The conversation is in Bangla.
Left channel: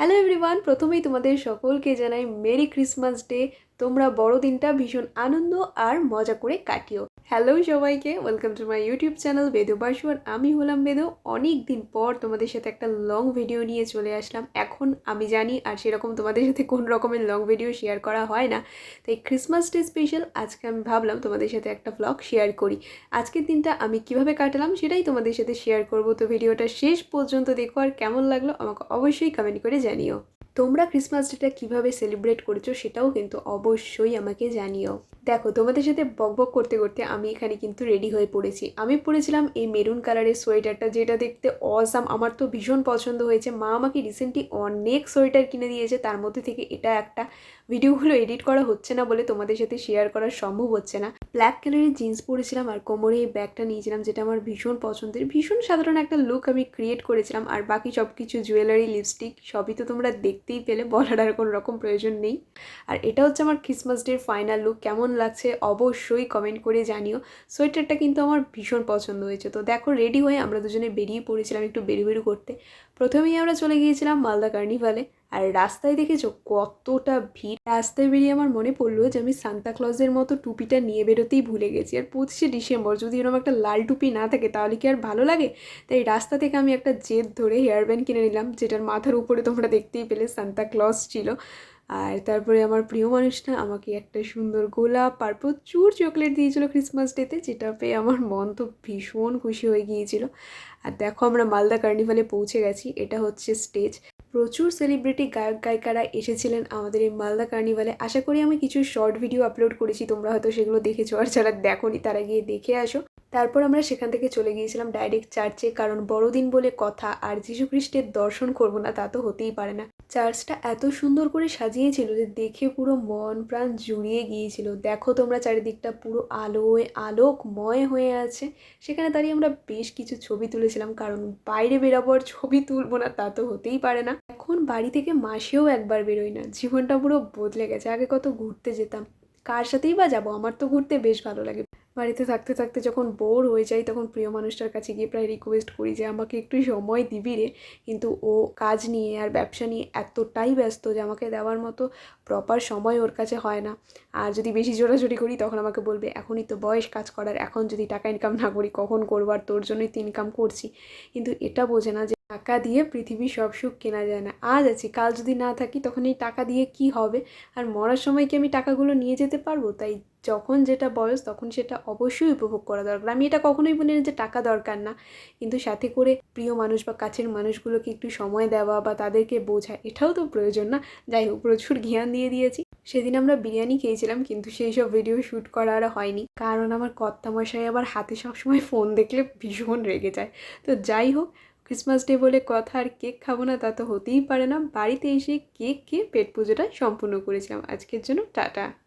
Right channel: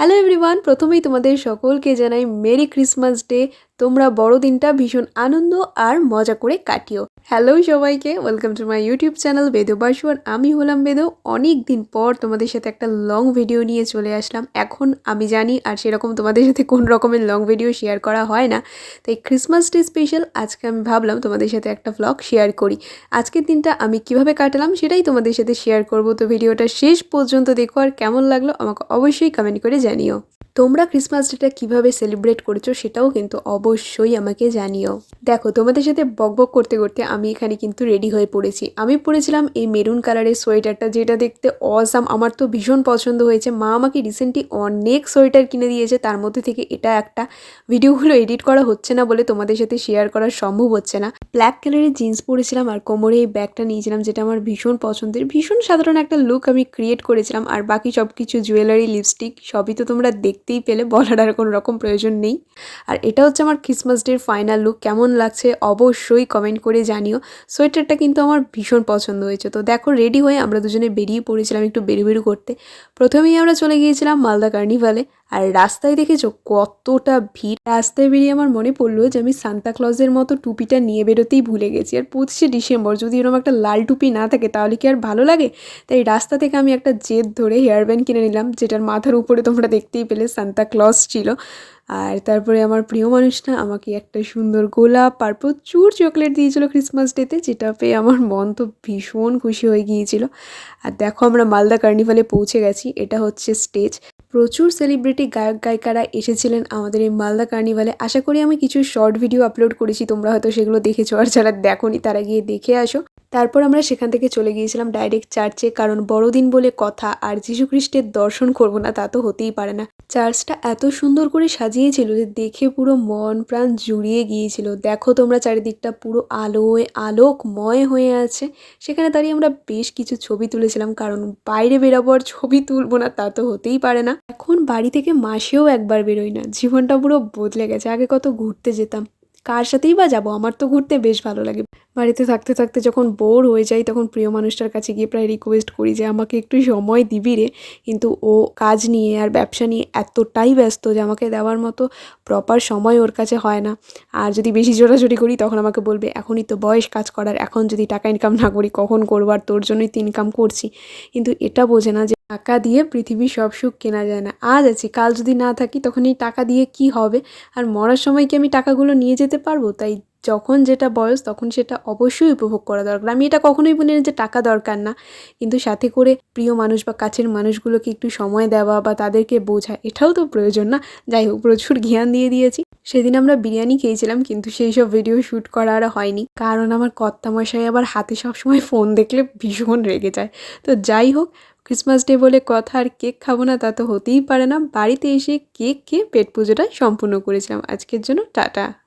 হ্যালো এভরিওয়ান প্রথমেই তোমাদের সকলকে জানাই মেরি ক্রিসমাস ডে তোমরা বড়দিনটা ভীষণ আনন্দ আর মজা করে কাটিও। হ্যালো সবাইকে welcome to my YouTube channel Bedo Basuar আমি হলাম বেদো। অনেক দিন পর তোমাদের সাথে একটা লং ভিডিও নিয়ে চলে আসলাম। এখন আমি জানি আর সেরকম তোমাদের সাথে কোন রকমের লং ভিডিও শেয়ার করা হয় না। তাই ক্রিসমাস ডে স্পেশাল আজকে আমি ভাবলাম তোমাদের সাথে একটা ভ্লগ শেয়ার করি। আজকের দিনটা আমি কীভাবে কাটালাম সেটাই তোমাদের সাথে শেয়ার করব। তো ভিডিওটা শেষ পর্যন্ত দেখো আর কেমন লাগল আমাকে অবশ্যই কমেন্ট করে জানিও। তোমরা ক্রিসমাস ডেটা কীভাবে সেলিব্রেট করেছ সেটাও কিন্তু অবশ্যই আমাকে জানিও। দেখো, তোমাদের সাথে বকবক করতে করতে আমি এখানে কিন্তু রেডি হয়ে পড়েছি। আমি পরেছিলাম এই মেরুন কালারের সোয়েটারটা যেটা দেখতে অসাম আমার তো ভীষণ পছন্দ হয়েছে। মা আমাকে রিসেন্টলি অনেক সোয়েটার কিনে দিয়েছে। তার মধ্যে থেকে এটা একটা ভিডিওগুলো এডিট করা হচ্ছে না বলে তোমাদের সাথে শেয়ার করা সম্ভব হচ্ছে না। ব্ল্যাক কালারের জিন্স পরেছিলাম আর কোমরে এই ব্যাগটা নিয়েছিলাম, যেটা আমার ভীষণ পছন্দের। ভীষণ সাধারণ একটা লুক আমি ক্রিয়েট করেছিলাম। আর বাকি সব কিছু জুয়েলারি লিপস্টিক সবই তো তোমরা দেখতেই পেলে বলার আর কোনো রকম প্রয়োজন নেই। আর এটা হচ্ছে আমার ক্রিসমাস ডের ফাইনাল লুক কেমন লাগছে অবশ্যই কমেন্ট করে জানিও। সোয়েটারটা কিন্তু আমার ভীষণ পছন্দ হয়েছে। তো দেখো রেডি হয়ে আমরা দুজনে বেরিয়ে পড়েছিলাম একটু বেরু বেরু করতে। প্রথমেই আমরা চলে গিয়েছিলাম মালদা কার্নিভালে আর রাস্তায় দেখেছ কতটা ভিড়। রাস্তায় বেরিয়ে আমার মনে পড়ল যে আমি সান্তা ক্লজের মতো টুপিটা নিয়ে বেরোতেই ভুলে গেছি। আর পঁচিশে ডিসেম্বর যদি এরকম একটা লাল টুপি না থাকে তাহলে কি আর ভালো লাগে? তাই রাস্তা থেকে আমি একটা জেদ ধরে হেয়ার ব্যান্ড কিনে নিলাম, যেটার মাথার উপরে তোমরা দেখতেই পেলে সান্তা ক্লজ ছিল। আর তারপরে আমার প্রিয় মানুষটা আমাকে একটা সুন্দর গোলাপ আর প্রচুর চকলেট দিয়েছিল ক্রিসমাস ডেতে যেটা পেয়ে আমার মন তো ভীষণ খুশি হয়ে গিয়েছিল। আর দেখো আমরা মালদা কার্নিভালে পৌঁছে গেছি, এটা হচ্ছে স্টেজ প্রচুর সেলিব্রিটি গায়ক, গায়িকারা এসেছিলেন আমাদের এই মালদা কার্নিভালে আশা করি আমি কিছু শর্ট ভিডিও আপলোড করেছি, তোমরা হয়তো সেগুলো দেখেছ। আর যারা দেখোনি, তারা গিয়ে দেখে আসো। তারপর আমরা সেখান থেকে চলে গিয়েছিলাম ডাইরেক্ট চার্চে কারণ বড়দিন বলে কথা আর খ্রিস্টের দর্শন করব না তা তো হতেই পারে না। চার্চটা এত সুন্দর করে সাজিয়েছিল যে দেখে পুরো মন প্রাণ জুড়িয়ে গিয়েছিল। দেখো তোমরা চারিদিকটা পুরো আলোয় আলোকময় হয়ে আছে। সেখানে দাঁড়িয়ে আমরা বেশ কিছু ছবি তুলেছিলাম, কারণ বাইরে বেরাবো আর ছবি তুলবো না তা তো হতেই পারে না। এখন বাড়ি থেকে মাসেও একবার বেরোই না, জীবনটা পুরো বদলে গেছে, আগে কত ঘুরতে যেতাম। কার সাথেই বা যাব? আমার তো ঘুরতে বেশ ভালো লাগে। বাড়িতে থাকতে থাকতে যখন বোর হয়ে যাই, তখন প্রিয় মানুষটার কাছে গিয়ে প্রায় রিকোয়েস্ট করি যে, আমাকে একটু সময় দিবি রে। কিন্তু ও কাজ নিয়ে আর ব্যবসা নিয়ে এতটাই ব্যস্ত যে, আমাকে দেওয়ার মতো প্রপার সময় ওর কাছে হয় না। আর যদি বেশি জোরাজোরি করি, তখন আমাকে বলবে, এখনই তো বয়স কাজ করার, এখন যদি টাকা ইনকাম না করি, কখন করব? আর তোর জন্যই তো ইনকাম করছি। কিন্তু এটা বোঝে না যে, টাকা দিয়ে পৃথিবীর সব সুখ কেনা যায় না। আজ আছি, কাল যদি না থাকি, তখন এই টাকা দিয়ে কি হবে? আর মরার সময় কি আমি টাকাগুলো নিয়ে যেতে পারব? তাই যখন যেটা বয়স, তখন সেটা অবশ্যই উপভোগ করা দরকার। আমি এটা কখনোই বলি না যে টাকা দরকার না। কিন্তু সাথে করে প্রিয় মানুষ বা কাছের মানুষগুলোকে একটু সময় দেওয়া বা তাদেরকে বোঝা, এটাও তো প্রয়োজন না। যাই হোক, প্রচুর জ্ঞান দিয়ে দিয়েছি। সেদিন আমরা বিরিয়ানি খেয়েছিলাম, কিন্তু সেই সব ভিডিও শ্যুট করা আর হয়নি। কারণ আমার কর্তামশাই আবার হাতে সবসময় ফোন দেখলে ভীষণ রেগে যায়। তো যাই হোক, ক্রিসমাস ডে বলে কথা আর কেক খাব না তা তো হতেই পারে না। বাড়িতে এসে কেক খেয়ে পেট পুজোটা সম্পূর্ণ করেছিলাম। আজকের জন্য টাটা।